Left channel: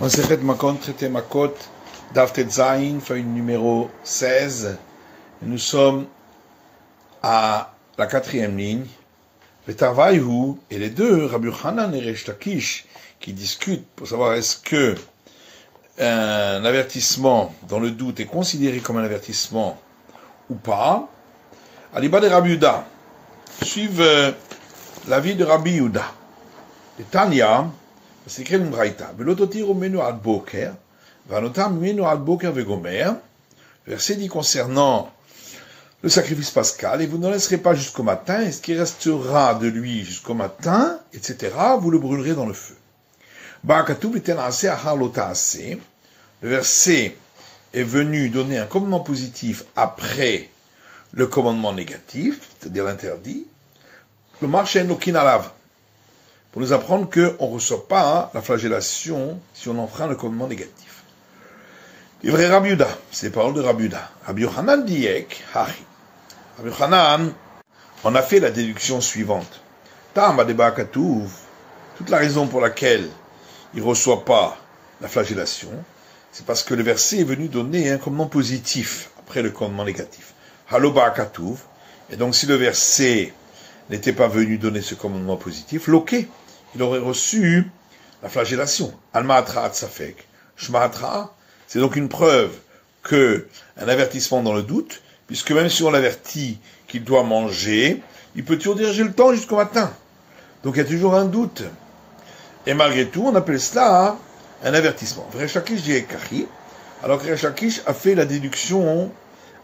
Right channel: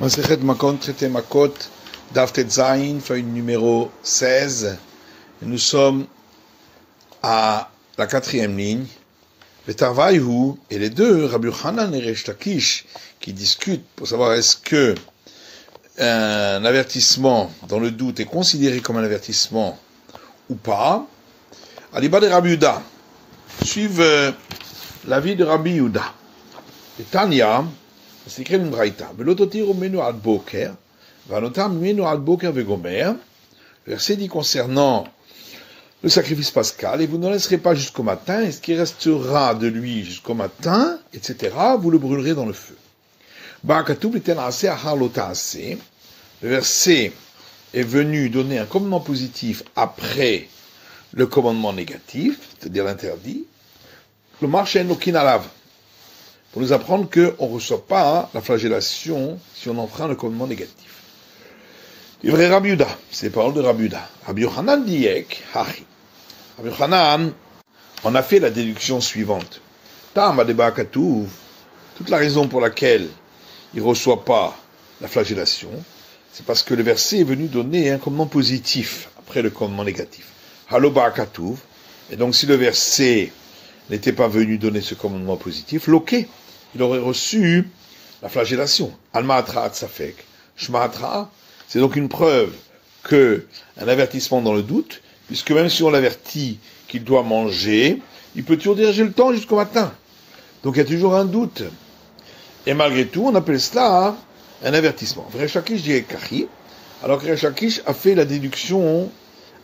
Masechet Makot, traité Makot, Daf Tetzain, feuille numéro 16. Nous sommes à la quatrième ligne. Le Tarvaïhu et les deux, Rabbi Yochanan et Resh Lakish, qui discutent pour savoir est-ce que un avertissement dans le doute est considéré comme un avertissement ou pas. Aliba de Rabbi Yehuda suivent l'avis de Rabbi Yehuda. Et Tanya, c'est écrit une braïta. Velototir menu ad boker, vanotam menu ad boker vegomer. Verset dit concernant le sacrifice pascal, et vous ne laisserez pas jusqu'au matin, et ce qui restera de lui jusqu'au matin, etc., vous le brûlerez dans le feu. Le verset est venu donner un commandement positif après le commandement négatif, c'est-à-dire l'interdit, le marché nokinalav, pour nous apprendre qu'on ne reçoit pas la flagellation si on enfreint le commandement négatif. Il vrai Rabbi Yehuda, c'est les paroles de Rabbi Yehuda. Rabbi Yochanan diek, hachi. Rabbi Yochanan, on a fait la déduction suivante. Tam adeba katouv, toute la raison pour laquelle il ne reçoit pas la flagellation, c'est parce que le verset est venu donner un commandement positif après le commandement négatif. Haloba katouv, et donc si le verset n'était pas venu donner ce commandement positif, loqué, il aurait reçu la flagellation. Alma-atra atzafek. Shma-atra, c'est donc une preuve que un avertissement dans le doute, puisque même si on l'avertit qu'il doit manger, il peut toujours diriger le temps jusqu'au matin. Donc il y a toujours un doute. Et malgré tout, on appelle cela un avertissement. Resh Lakish dit Kachi, alors que Resh Lakish a fait la déduction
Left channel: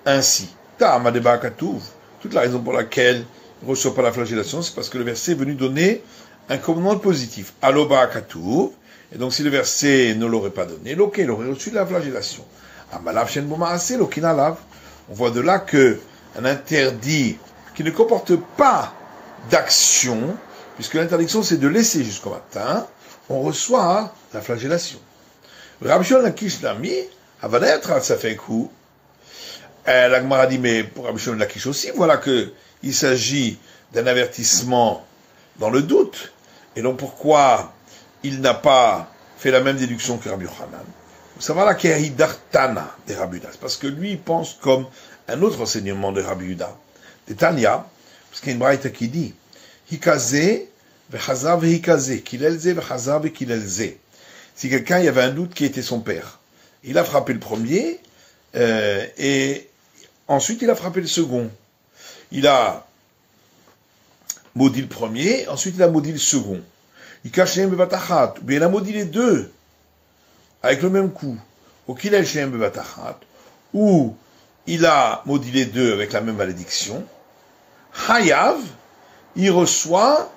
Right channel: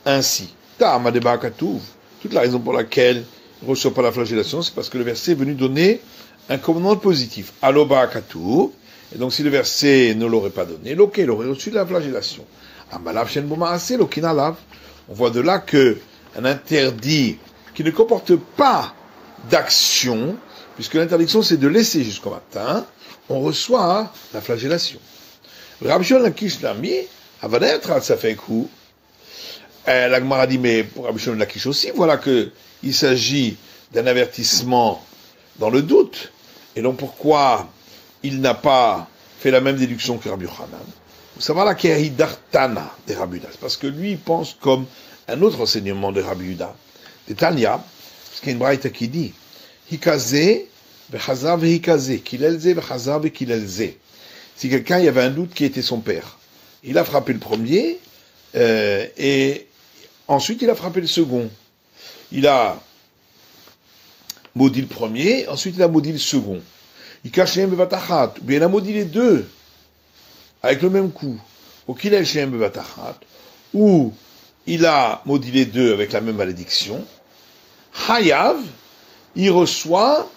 ainsi. Ta'ama deba katouv. Toute la raison pour laquelle il ne reçoit pas la flagellation, c'est parce que le verset est venu donner un commandement positif. Aloba katouv. Et donc si le verset ne l'aurait pas donné, l'ok, il aurait reçu la flagellation. Amalav shen bomaase lokinalav. On voit de là que un interdit qui ne comporte pas d'action, puisque l'interdiction c'est de laisser jusqu'au matin, on reçoit la flagellation. Rabbi Shimon Lakish l'a mis, avanetra ça fait un coup. La Gemara dit, mais pour Rabbi Shimon Lakish aussi, voilà que il s'agit d'un avertissement dans le doute. Et donc pourquoi il n'a pas fait la même déduction que Rabbi Yochanan? Vous savez là qu'il y a Hidartana de Rabbi Yehuda. C'est parce que lui, il pense comme un autre enseignement de Rabbi Yehuda. De Tanya, parce qu'il y a une braïta qui dit, Hikaze, vechazav hikaze, kilelze, vechazav kilelze. Si quelqu'un, il y avait un doute qui était son père, il a frappé le premier, et ensuite il a frappé le second. Il a maudit le premier, ensuite il a maudit le second. Il cache un bevatachat, ou bien il a maudit les deux, avec le même coup. Ou qu'il a un bevatachat, ou il a maudit les deux avec la même malédiction. Hayav, il reçoit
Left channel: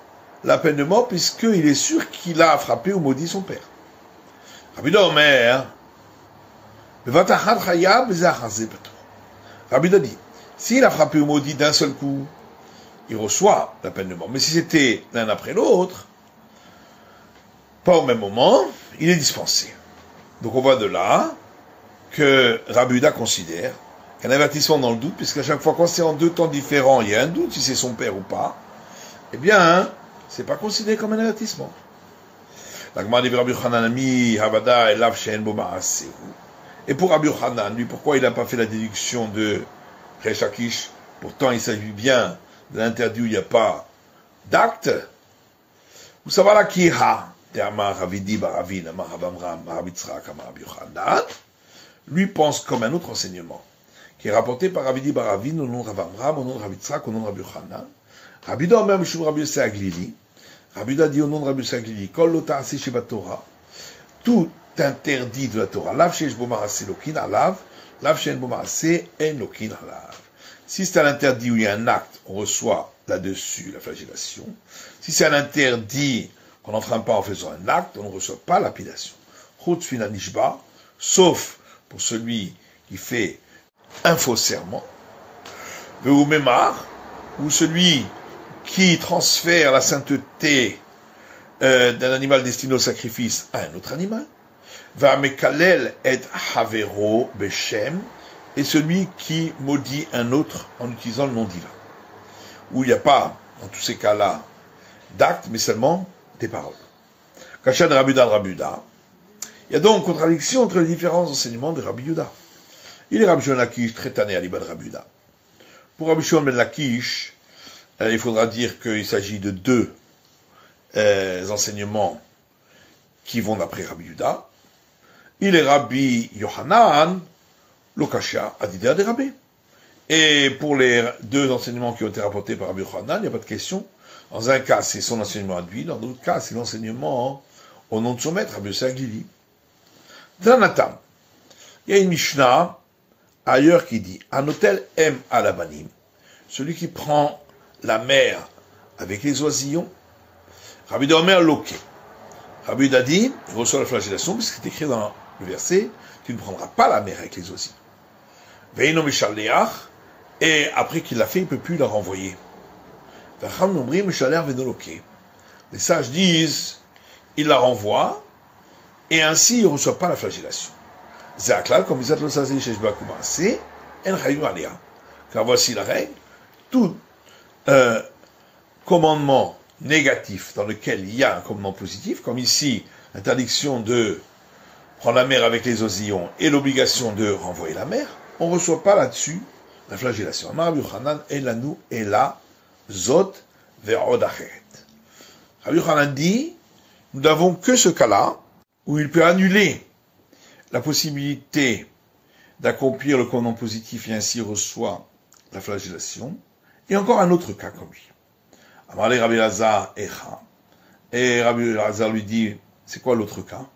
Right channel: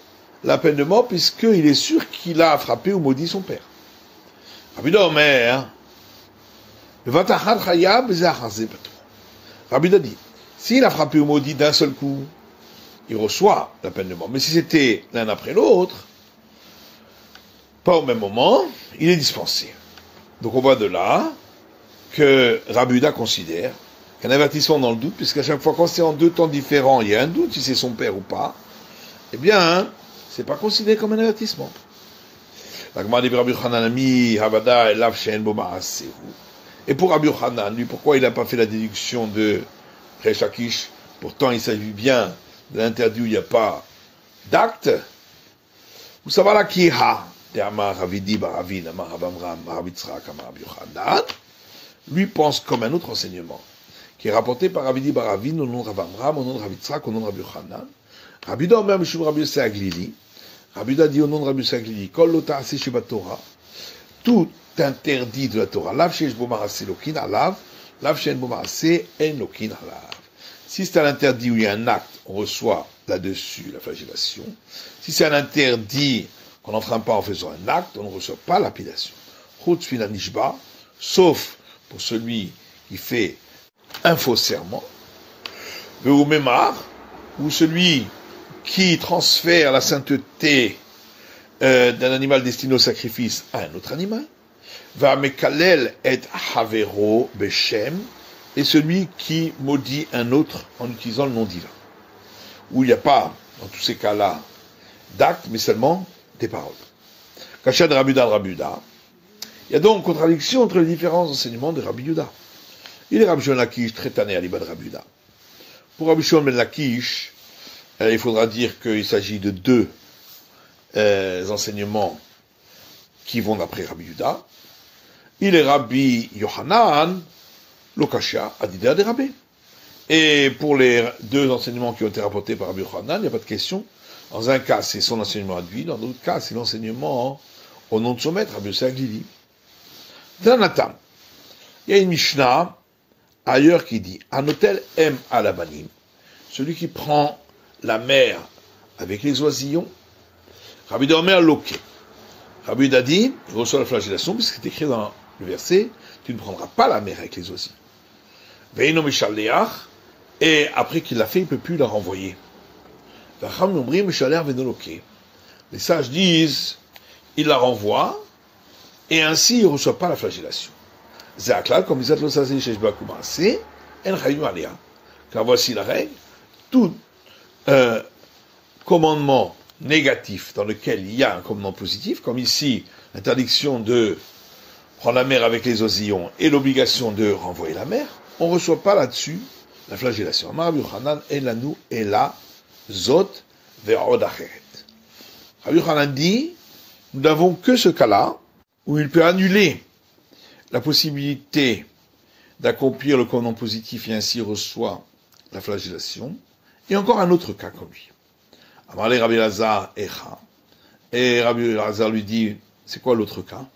la peine de mort puisqu'il est sûr qu'il a frappé ou maudit son père. Rabbi Yehuda Omer, bevatachat hayav zachazé petro. Rabbi Yehuda dit, s'il a frappé ou maudit d'un seul coup, il reçoit la peine de mort. Mais si c'était l'un après l'autre, pas au même moment, il est dispensé. Donc on voit de là que Rabbi Yehuda considère qu'un avertissement dans le doute, puisqu'à chaque fois quand c'est en deux temps différents, il y a un doute si c'est son père ou pas, eh bien, c'est pas considéré comme un avertissement. La Gemara dit Rabbi Yochanan ami Havada elav she'en bo ma'aseh. Et pour Rabbi Yochanan, lui, pourquoi il n'a pas fait la déduction de Resh Lakish? Pourtant, il s'agit bien de l'interdit où il n'y a pas d'acte. Vous savez là qui ha de Amar Ravidi Baravin, Amar Avamram, Amar Yitzchak, Amar Rabbi Yochanan, lui pense comme un autre enseignement, qui est rapporté par Ravidi Baravin au nom de Rabbi Avram, au nom de Rabbi Yitzchak, au nom de Rabbi Yochanan. Rabbi Yehuda même chez Rabbi Yossé Aglili. Rabbi Yehuda dit au nom de Rabbi Yossé Aglili, Kol lo ta'aseh sheba Torah, tout interdit de la Torah, lav sheyesh bo ma'aseh lokin alav, lav she'en bo ma'aseh en lokin alav. Si c'est un interdit où il y a un acte, on reçoit là-dessus la flagellation. Si c'est un interdit qu'on n'enfreint pas en faisant un acte, on ne reçoit pas lapidation. Chutz fin hanishba, sauf pour celui qui fait un faux serment, ou memar, ou celui qui transfère la sainteté d'un animal destiné au sacrifice à un autre animal, va mekalel et havero beshem, et celui qui maudit un autre en utilisant le nom divin. Où il n'y a pas, dans tous ces cas-là, d'actes, mais seulement des paroles. Kachat de Rabbi Yehuda, Il y a donc contradiction entre les différents enseignements de Rabbi Yehuda. Il est Rabbi Shimon ben Lakish, très tanné à l'Ibad Rabbi Yehuda. Pour Rabbi Shimon ben Lakish, il faudra dire qu'il s'agit de deux enseignements qui vont d'après Rabbi Yehuda. Il est Rabbi Yohanan, Lokashia, Adidea de Rabbi. Et pour les deux enseignements qui ont été rapportés par Rabbi Yohanan, il n'y a pas de question. Dans un cas, c'est son enseignement à lui, dans d'autres cas, c'est l'enseignement au nom de son maître, Rabbi Yosef Glili. Dans Natam, il y a une Mishnah ailleurs qui dit Anotel M alabanim, celui qui prend la mer avec les oisillons, Rabbi Domer Loke. Rabbi Yehuda dit, il reçoit la flagellation, puisqu'il est écrit dans le verset, tu ne prendras pas la mer avec les oisillons. Veino Mishaleach, et après qu'il l'a fait, il ne peut plus la renvoyer. Les sages disent, il la renvoie, et ainsi il ne reçoit pas la flagellation. Comme car voici la règle, tout commandement négatif dans lequel il y a un commandement positif, comme ici, l'interdiction de prendre la mer avec les oisillons et l'obligation de renvoyer la mer, on ne reçoit pas là-dessus la flagellation. Rabbi Yochanan dit, nous n'avons que ce cas-là, où il peut annuler la possibilité d'accomplir le commandement positif et ainsi reçoit la flagellation, et encore un autre cas comme lui. Amarle Rabbi Elazar Echa, et Rabbi Elazar lui dit, c'est quoi l'autre cas?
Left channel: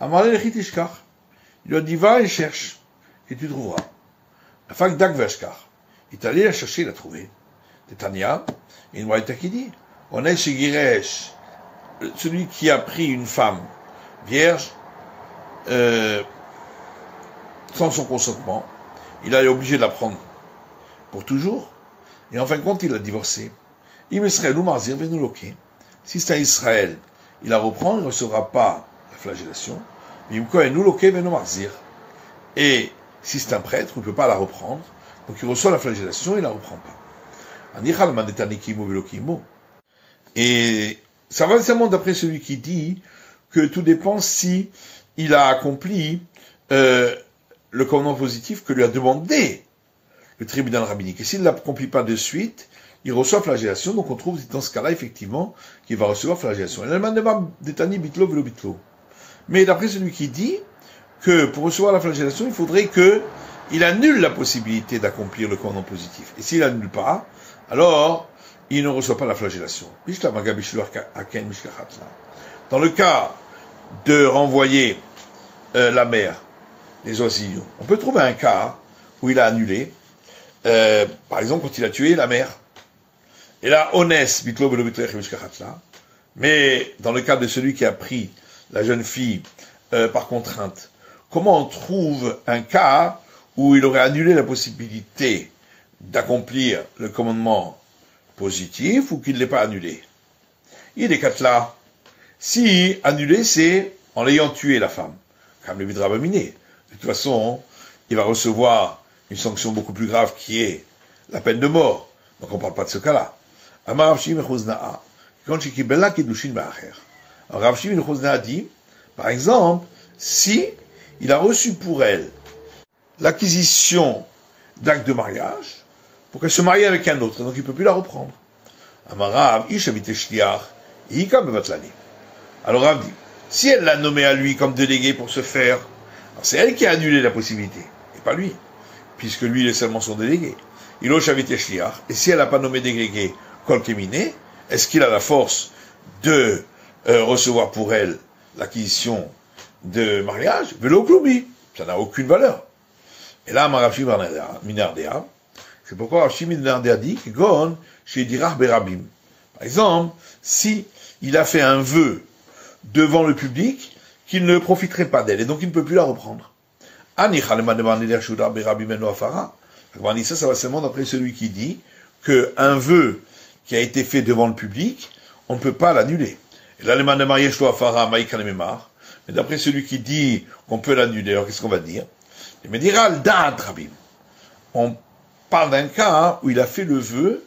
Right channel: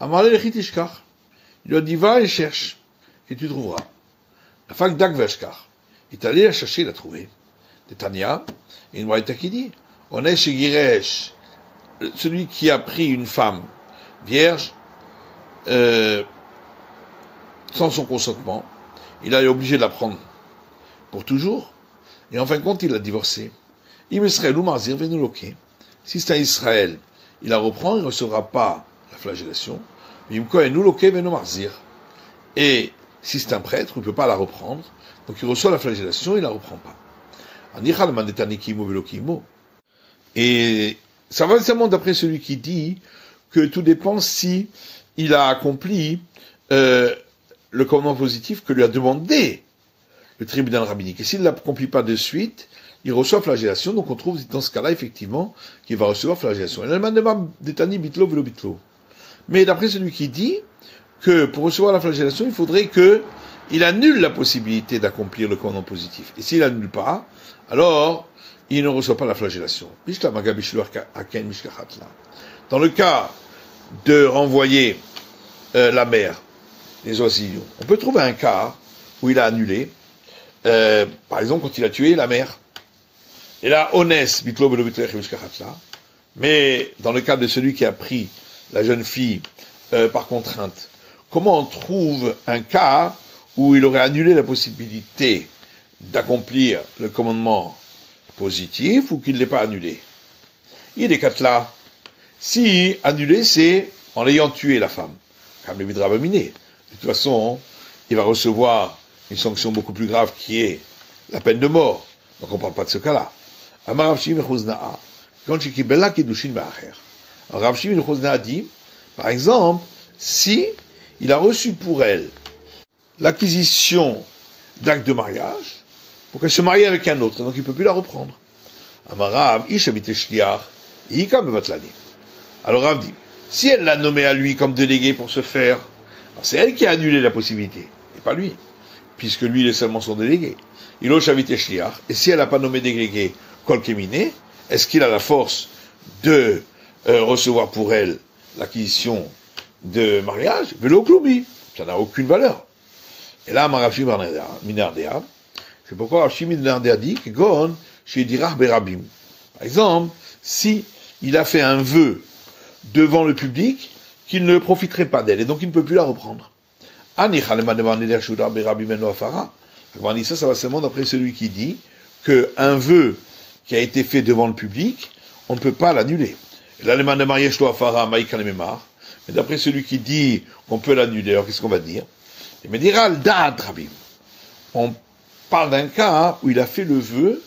Amarle Echitishkar, il lui a dit, va et cherche, et tu trouveras. La fac d'Agveshkar, il est allé la chercher, il l'a trouvé. Tania, et une braïta qui dit, on est chez Giresh, celui qui a pris une femme vierge, sans son consentement, il a été obligé de la prendre pour toujours, et en fin de compte, il a divorcé. Si c'est à Israël, il la reprend, il ne recevra pas la flagellation. Et si c'est un prêtre, il ne peut pas la reprendre, donc il reçoit la flagellation, il ne la reprend pas. Et ça va seulement d'après celui qui dit que tout dépend si il a accompli le commandement positif que lui a demandé le tribunal rabbinique. Et s'il ne l'accomplit pas de suite, il reçoit flagellation. Donc on trouve dans ce cas-là, effectivement, qu'il va recevoir flagellation. Mais d'après celui qui dit que pour recevoir la flagellation, il faudrait qu'il annule la possibilité d'accomplir le commandement positif. Et s'il n'annule pas, alors il ne reçoit pas la flagellation. Dans le cas de renvoyer la mer, les oisillons, on peut trouver un cas où il a annulé, par exemple quand il a tué la mère. Et là, honest, mais dans le cas de celui qui a pris la jeune fille par contrainte, comment on trouve un cas où il aurait annulé la possibilité d'accomplir le commandement positif ou qu'il ne l'ait pas annulé? Il est quatre là. Si annulé, c'est en l'ayant tué la femme, comme le vidra miné. De toute façon, il va recevoir une sanction beaucoup plus grave qui est la peine de mort. Donc on ne parle pas de ce cas-là. Rav Shimon a dit, par exemple, si il a reçu pour elle l'acquisition d'actes de mariage, pour qu'elle se marie avec un autre, donc il ne peut plus la reprendre. Alors Rav dit, si elle l'a nommé à lui comme délégué pour se faire, c'est elle qui a annulé la possibilité, et pas lui, puisque lui il est seulement son délégué. Et si elle n'a pas nommé délégué Kol Kemine, est-ce qu'il a la force de recevoir pour elle l'acquisition de mariage? Velo Klubi, ça n'a aucune valeur. Et là, Rav Shimon Minardea, c'est pourquoi Rav Shimon Minardea dit que Gon chez Dirach Berabim. Par exemple, si il a fait un vœu devant le public qu'il ne profiterait pas d'elle, et donc il ne peut plus la reprendre. Ça va seulement d'après celui qui dit qu'un vœu qui a été fait devant le public, on ne peut pas l'annuler. Et là, mais d'après celui qui dit qu'on peut l'annuler, alors qu'est-ce qu'on va dire? Il me dira, on parle d'un cas où il a fait le vœu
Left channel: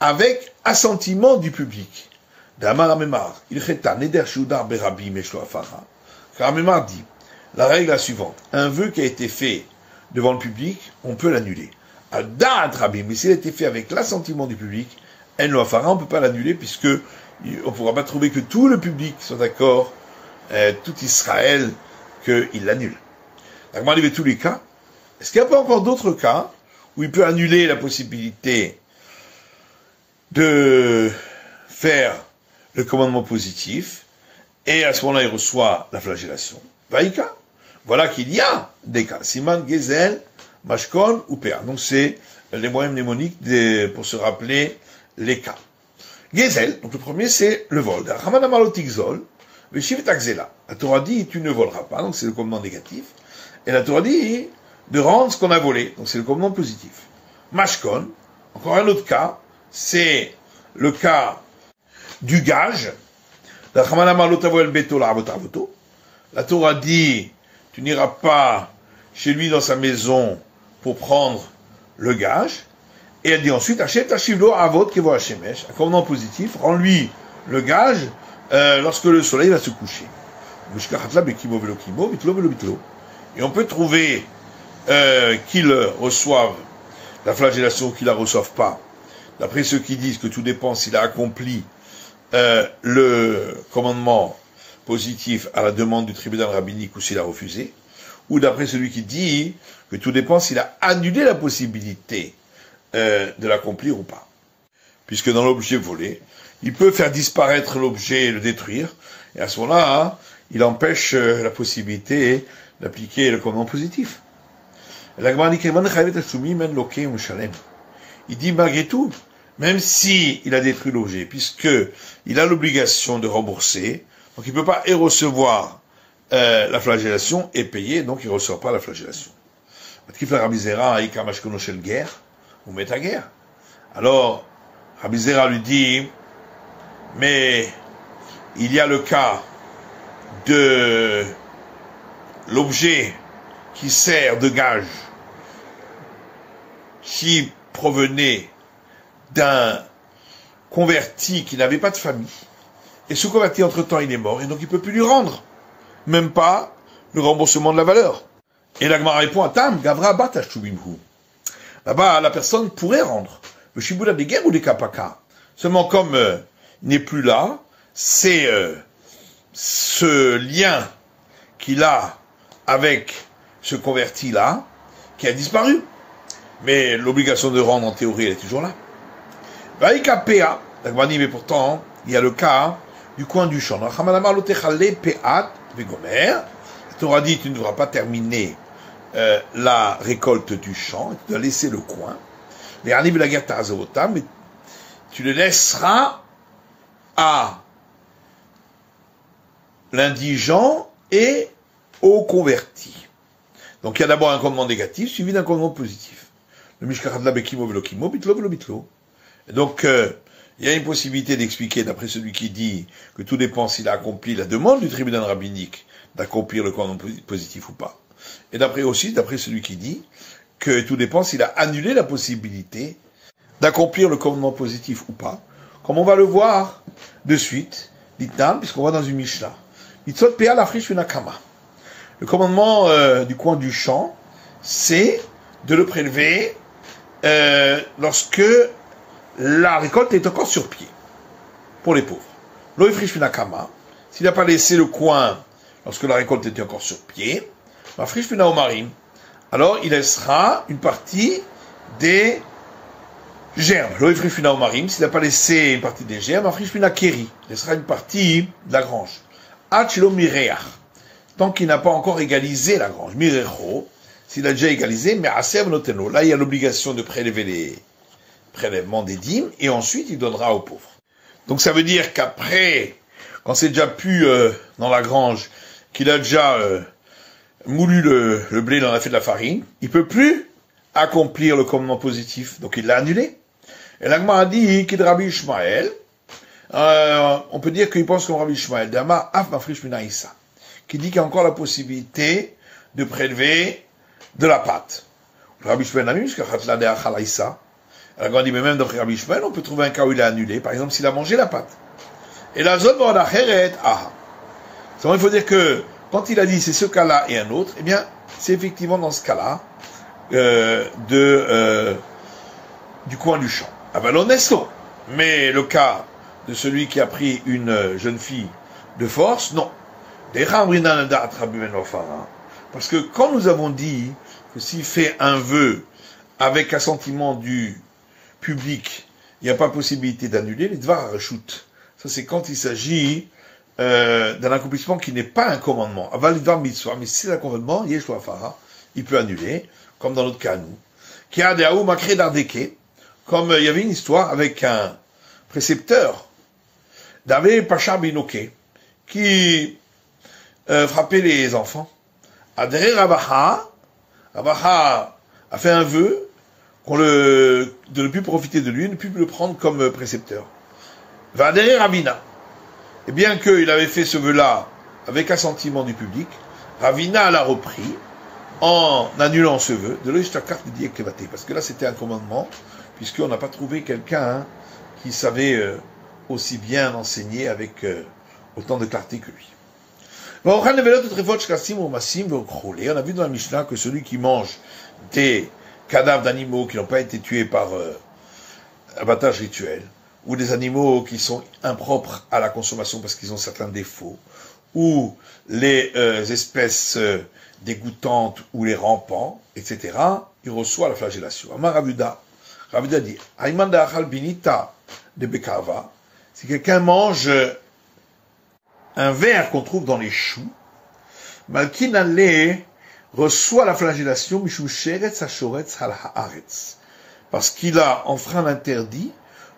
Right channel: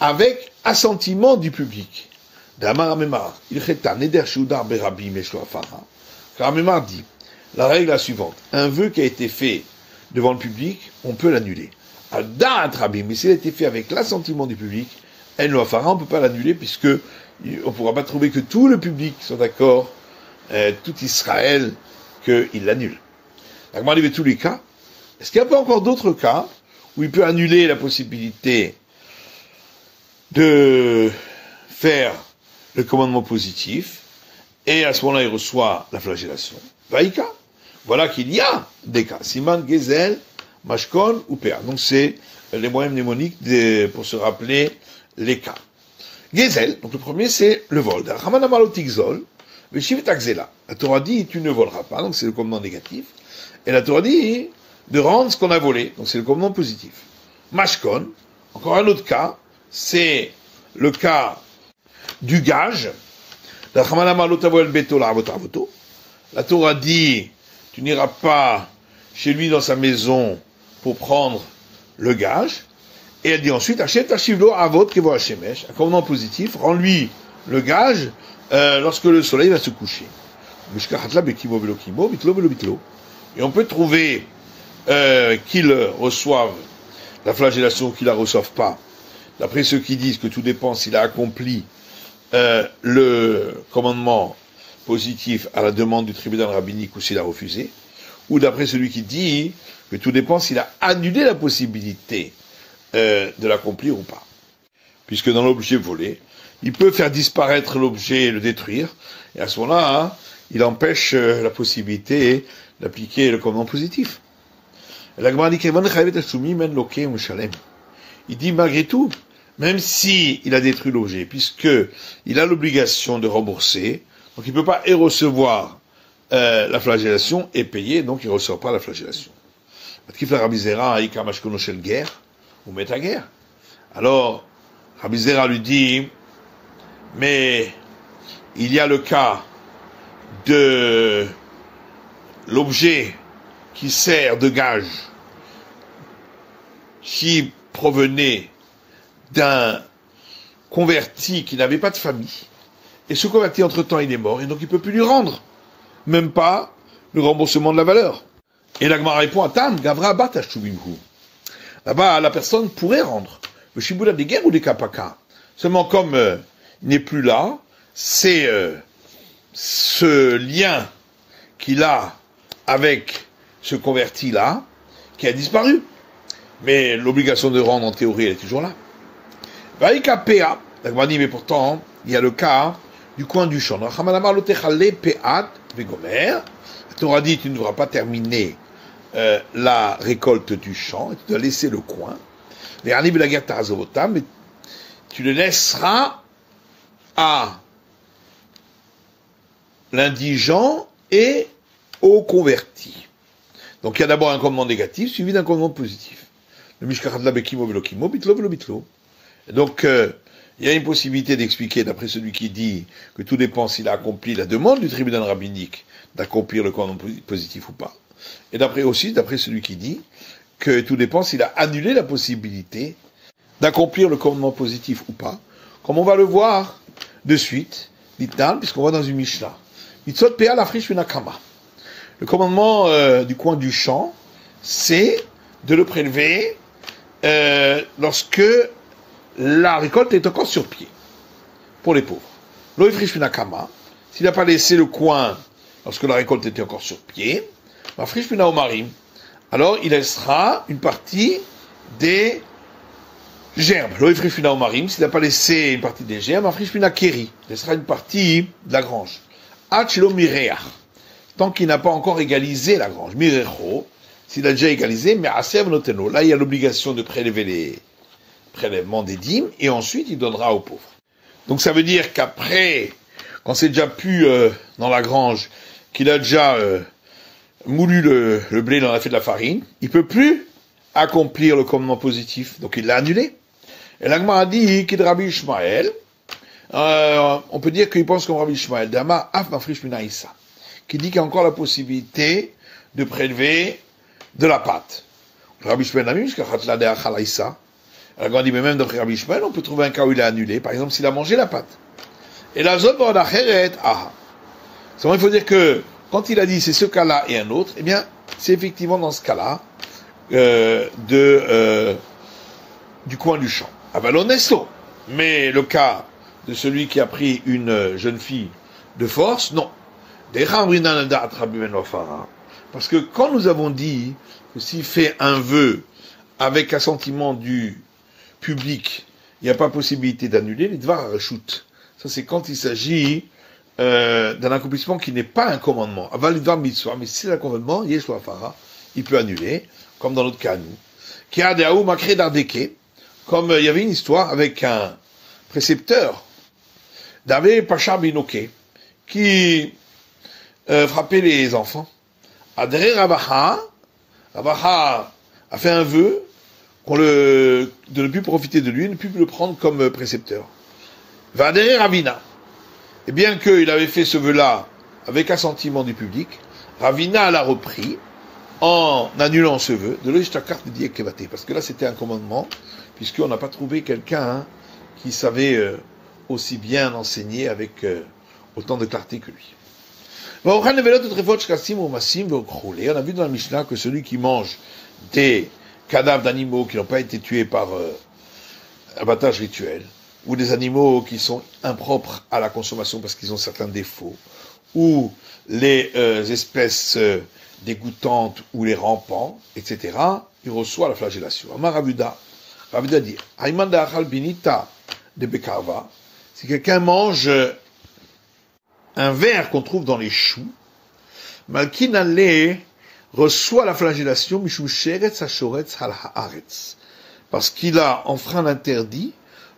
avec assentiment du public. Car Mémar dit, la règle est la suivante. Un vœu qui a été fait devant le public, on peut l'annuler. Al-Da'at Rabim, mais s'il a été fait avec l'assentiment du public, on ne peut pas l'annuler puisque on ne pourra pas trouver que tout le public soit d'accord, tout Israël, qu'il l'annule. La Gemara dit, tous les cas, est-ce qu'il n'y a pas encore d'autres cas où il peut annuler la possibilité de faire le commandement positif et à ce moment-là il reçoit la flagellation? Vaïka. Voilà qu'il y a des cas. Siman, Gezel, Mashkon ou Péa. Donc c'est les moyens mnémoniques pour se rappeler les cas. Gezel, donc le premier c'est le vol. La Torah dit tu ne voleras pas, donc c'est le commandement négatif. Et la Torah dit de rendre ce qu'on a volé, donc c'est le commandement positif. Mashkon, encore un autre cas, c'est le cas du gage. La Torah dit tu n'iras pas chez lui dans sa maison pour prendre le gage. Et elle dit ensuite, achète Hashivlo Avot Kevo Hashemesh, un commandement positif, rends-lui le gage lorsque le soleil va se coucher. Et on peut trouver qu'ils reçoivent la flagellation ou qu'ils la reçoivent pas. D'après ceux qui disent que tout dépend s'il a accompli le commandement positif à la demande du tribunal rabbinique ou s'il a refusé, ou d'après celui qui dit que tout dépend s'il a annulé la possibilité de l'accomplir ou pas. Puisque dans l'objet volé, il peut faire disparaître l'objet et le détruire, et à ce moment-là, il empêche la possibilité d'appliquer le commandement positif. Il dit malgré tout, même si il a détruit l'objet, puisque il a l'obligation de rembourser, donc il ne peut pas et recevoir la flagellation et payer, donc il ne reçoit pas la flagellation. Alors, Rabbi Zera lui dit, mais il y a le cas de l'objet qui sert de gage, qui provenait d'un converti qui n'avait pas de famille, et ce converti entre-temps il est mort, et donc il ne peut plus lui rendre, même pas le remboursement de la valeur. Et la Gemara répond à Tam, Gavra Bata Shuvimhu. Là-bas, la personne pourrait rendre le Shiboula des guerres ou des Kapaka. Seulement comme il n'est plus là, c'est ce lien qu'il a avec ce converti-là qui a disparu. Mais l'obligation de rendre, en théorie, elle est toujours là. Vaïka Pea, la Gemara dit, mais pourtant, il y a le cas du coin du champ. La Torah dit, tu ne devras pas terminer la récolte du champ, tu dois laisser le coin. Mais tu le laisseras à l'indigent et au converti. Donc il y a d'abord un commandement négatif suivi d'un commandement positif. Donc il y a une possibilité d'expliquer, d'après celui qui dit que tout dépend s'il a accompli la demande du tribunal rabbinique d'accomplir le commandement positif ou pas. Et d'après celui qui dit que tout dépend s'il a annulé la possibilité d'accomplir le commandement positif ou pas, comme on va le voir de suite, puisqu'on va dans une Mishnah. Le commandement du coin du champ, c'est de le prélever lorsque la récolte est encore sur pied, pour les pauvres. S'il n'a pas laissé le coin lorsque la récolte était encore sur pied, alors il laissera une partie des germes. S'il n'a pas laissé une partie des germes, il laissera une partie de la grange. Tant qu'il n'a pas encore égalisé la grange. S'il a déjà égalisé, mais là il y a l'obligation de prélever les prélèvements des dîmes, et ensuite il donnera aux pauvres. Donc ça veut dire qu'après, quand c'est déjà pu dans la grange, qu'il a déjà moulu le blé, il en a fait de la farine, il peut plus accomplir le commandement positif, donc il l'a annulé. Et l'Agma a dit qu'il Rabbi Ishmael, on peut dire qu'il pense comme Rabbi Ishmael, Dama Af Mafrish Minaïsa, qui dit qu'il y a encore la possibilité de prélever de la pâte. Rabbi Ishmael n'a mis, parce que Khatla de Achalaïsa. L'Agma dit, mais même dans Rabbi Ishmael, on peut trouver un cas où il a annulé, par exemple s'il a mangé la pâte. Et la zone va en acheret, ah. Il faut dire que quand il a dit c'est ce cas-là et un autre, eh bien, c'est effectivement dans ce cas-là du coin du champ. Ah ben l'honesto. Mais le cas de celui qui a pris une jeune fille de force, non. Parce que quand nous avons dit que s'il fait un vœu avec assentiment du public, il n'y a pas possibilité d'annuler, les dvar rechut. Ça c'est quand il s'agit d'un accomplissement qui n'est pas un commandement. Aval le dvar mitzvah, mais si c'est un commandement, il peut annuler, comme dans notre cas nous. Qui a des aou makre d'ardeke, comme il y avait une histoire avec un précepteur d'Avé Pacha Binoke, qui frappait les enfants. Adré Rabaha a fait un vœu de ne plus profiter de lui, ne plus le prendre comme précepteur. Va adhérer Ravina. Et bien qu'il avait fait ce vœu-là avec assentiment du public, Ravina l'a repris en annulant ce vœu de l'Ishtakar de Kevate. Parce que là, c'était un commandement, puisqu'on n'a pas trouvé quelqu'un qui savait aussi bien enseigner avec autant de clarté que lui. On a vu dans la Mishnah que celui qui mange des cadavres d'animaux qui n'ont pas été tués par abattage rituel, ou des animaux qui sont impropres à la consommation parce qu'ils ont certains défauts, ou les espèces dégoûtantes ou les rampants, etc., il reçoit la flagellation. Amar Rabuda dit, Aïmanda achal binita de Bekava, si quelqu'un mange un ver qu'on trouve dans les choux, Malkin Ale reçoit la flagellation Mishum Sheretz HaShoretz Al Haaretz, parce qu'il a enfreint l'interdit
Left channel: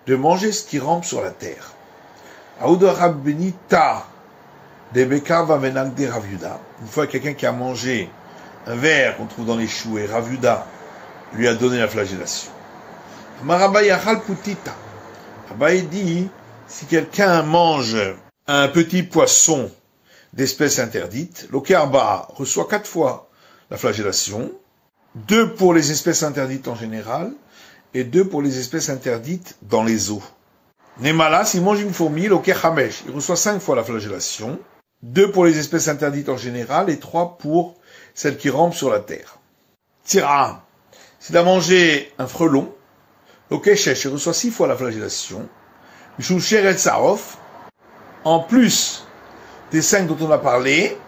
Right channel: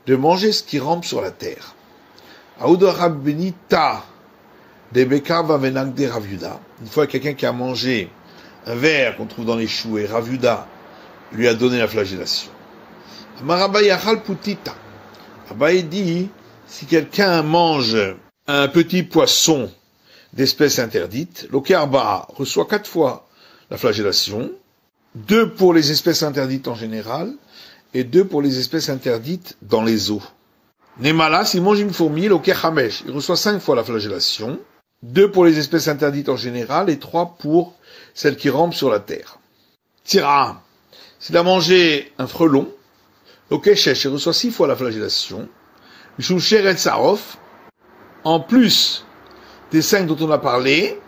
de manger ce qui rampe sur la terre. Aouda Rabbenita de Bekava Venag de Ravuda, une fois quelqu'un qui a mangé un ver qu'on trouve dans les choux et Ravuda lui a donné la flagellation. Amarabaye Achal Putita. Abaye dit, si quelqu'un mange un petit poisson d'espèce interdite, l'Okerba reçoit 4 fois la flagellation, 2 pour les espèces interdites en général, et 2 pour les espèces interdites dans les eaux. Nemala, s'il mange une fourmi, l'Okerhamesh, il reçoit 5 fois la flagellation, 2 pour les espèces interdites en général, et 3 pour celles qui rampent sur la terre. Tira, s'il a mangé un frelon, l'Okeshesh, il reçoit 6 fois la flagellation, Mishum Sheret Sarof, en plus des 5 dont on a parlé,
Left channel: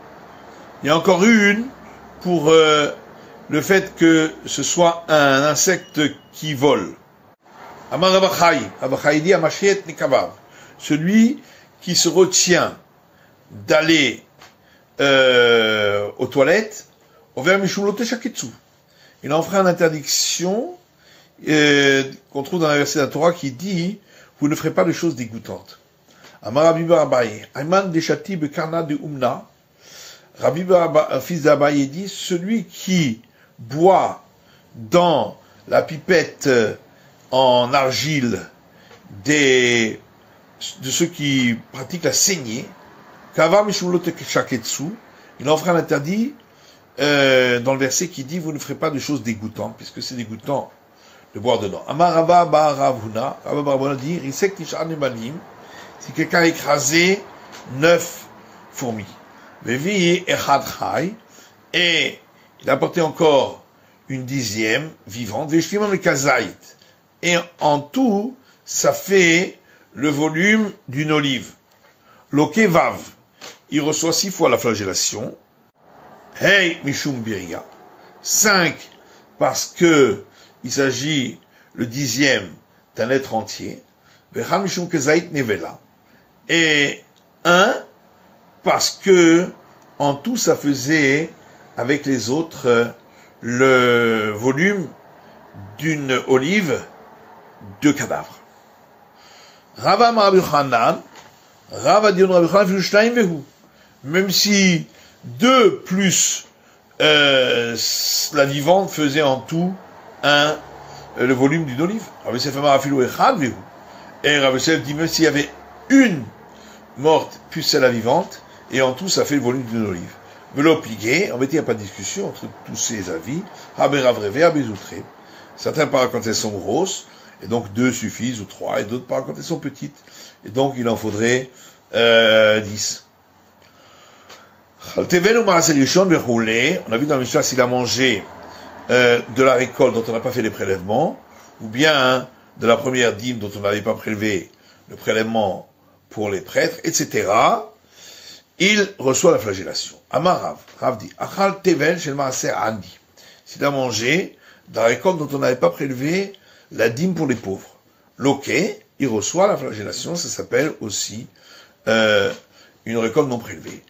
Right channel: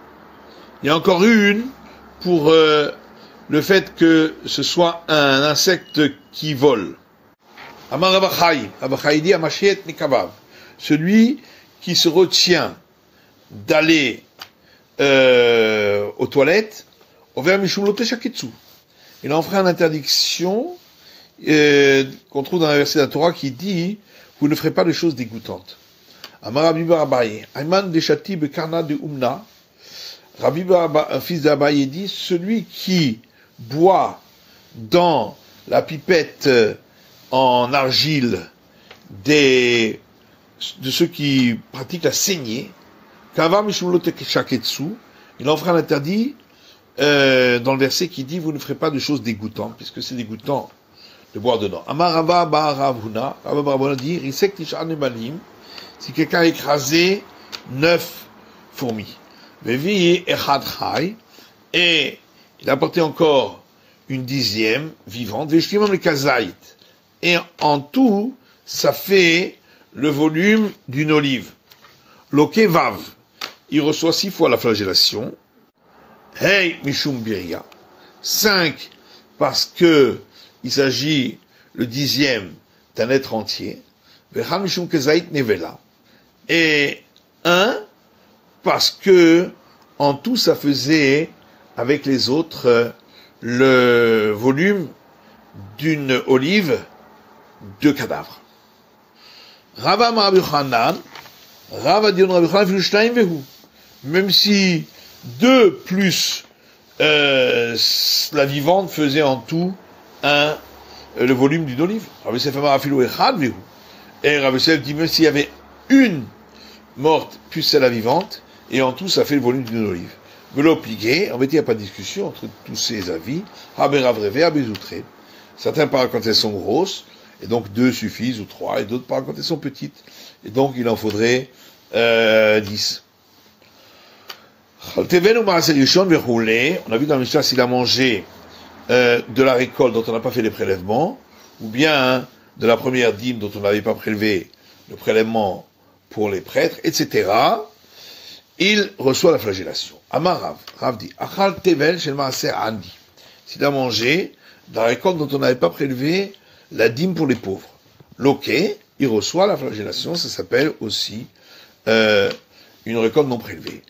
il y a encore une pour le fait que ce soit un insecte qui vole. Amar Abachai dit Amashiet Nekabav, celui qui se retient d'aller aux toilettes, Over Mishum Loteshaketsu. Il a enfreint une interdiction qu'on trouve dans la verset de la Torah qui dit vous ne ferez pas de choses dégoûtantes. Amar Rabbi Barabaye, Ayman de Shati Bekarna de Umna, Rabbi Barabaye, fils d'Abaye, dit celui qui boit dans la pipette en argile de ceux qui pratiquent la saignée, Kavar Mishmulote Shaketsu, il enfreint l'interdit dans le verset qui dit vous ne ferez pas de choses dégoûtantes, puisque c'est dégoûtant de boire dedans. Amar Rabba Baravuna, Rabba Baravuna dit Risek Tishan Emanim, si quelqu'un a écrasé 9 fourmis, et il a apporté encore une 10e vivante, et en tout, ça fait le volume d'une olive. Lokevav, il reçoit 6 fois la flagellation. Hey, Mishum Biria. 5, parce que il s'agit le 10e d'un être entier. Vecham Mishum Kezait Nevela. Et 1, parce que en tout ça faisait avec les autres le volume d'une olive de cadavre. Rava Rabbi Chanan, Rava dit Rabbi Chanan, même si 2 plus la vivante faisait en tout le volume d'une olive. Rabbi Yosef Amar Afilu Echad Vehu. Et Rabbi Yosef dit même s'il y avait une morte plus celle la vivante, et en tout ça fait le volume d'une olive. Velo pligué, en fait il n'y a pas de discussion entre tous ces avis. Haberavreve, Habezoutré. Certains parlent quand elles sont grosses, et donc 2 suffisent, ou 3, et d'autres parlent quand elles sont petites. Et donc il en faudrait 10. On a vu dans l'histoire s'il a mangé de la récolte dont on n'a pas fait les prélèvements, ou bien de la première dîme dont on n'avait pas prélevé le prélèvement pour les prêtres, etc., il reçoit la flagellation. Amar Rav dit, Achal tevel shel maaser andi. S'il a mangé de la récolte dont on n'avait pas prélevé la dîme pour les pauvres. Loqué, il reçoit la flagellation, ça s'appelle aussi une récolte non prélevée.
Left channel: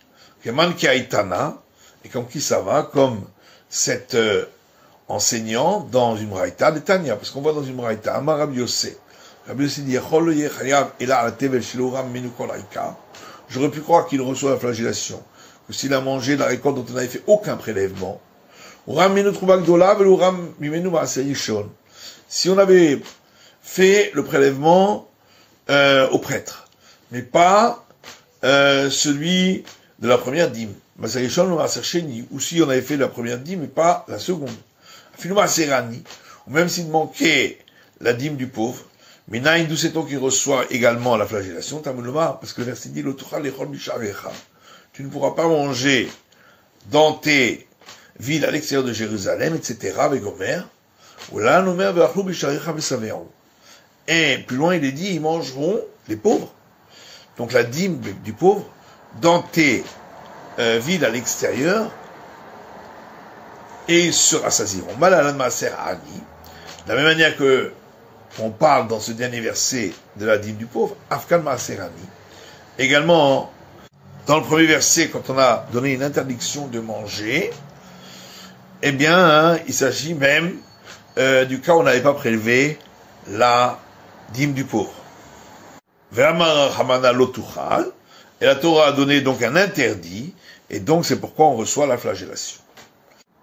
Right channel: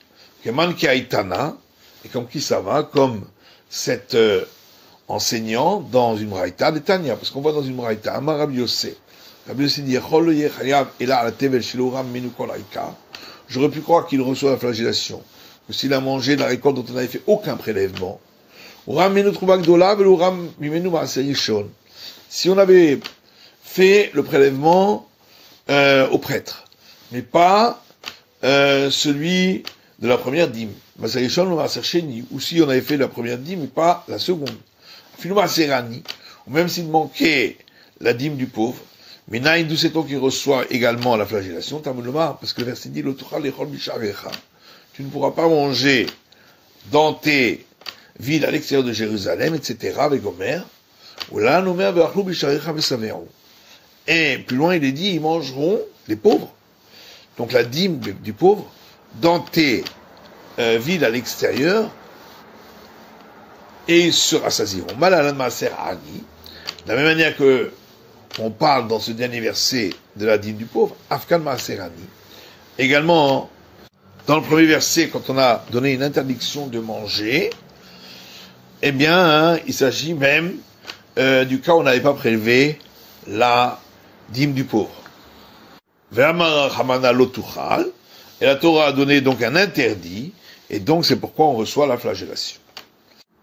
Keman ki aitana, et comme qui ça va, comme cet enseignant dans une braïta de Tanya, parce qu'on voit dans une braïta, Amar Rabbi Yosef. Rabbi Yosef dit, j'aurais pu croire qu'il reçoit la flagellation, que s'il a mangé de la récolte dont on n'avait fait aucun prélèvement, si on avait fait le prélèvement au prêtre, mais pas celui de la première dîme, ou si on avait fait la première dîme, mais pas la seconde, ou même s'il manquait la dîme du pauvre, mais d'où sait-on qu'il reçoit également la flagellation, parce que le verset dit, tu ne pourras pas manger dans tes villes à l'extérieur de Jérusalem, etc., avec Omer, et plus loin il est dit, ils mangeront les pauvres, donc la dîme du pauvre, dans tes villes à l'extérieur, et ils se rassasieront. De la même manière que on parle dans ce dernier verset de la dîme du pauvre, Afkan Maaserani. Également, dans le premier verset, quand on a donné une interdiction de manger, eh bien, il s'agit même du cas où on n'avait pas prélevé la dîme du pauvre. Et la Torah a donné donc un interdit, et donc c'est pourquoi on reçoit la flagellation.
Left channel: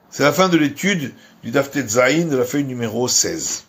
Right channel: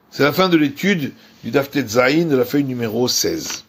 C'est la fin de l'étude du Daf Tet Zayin de la feuille numéro 16.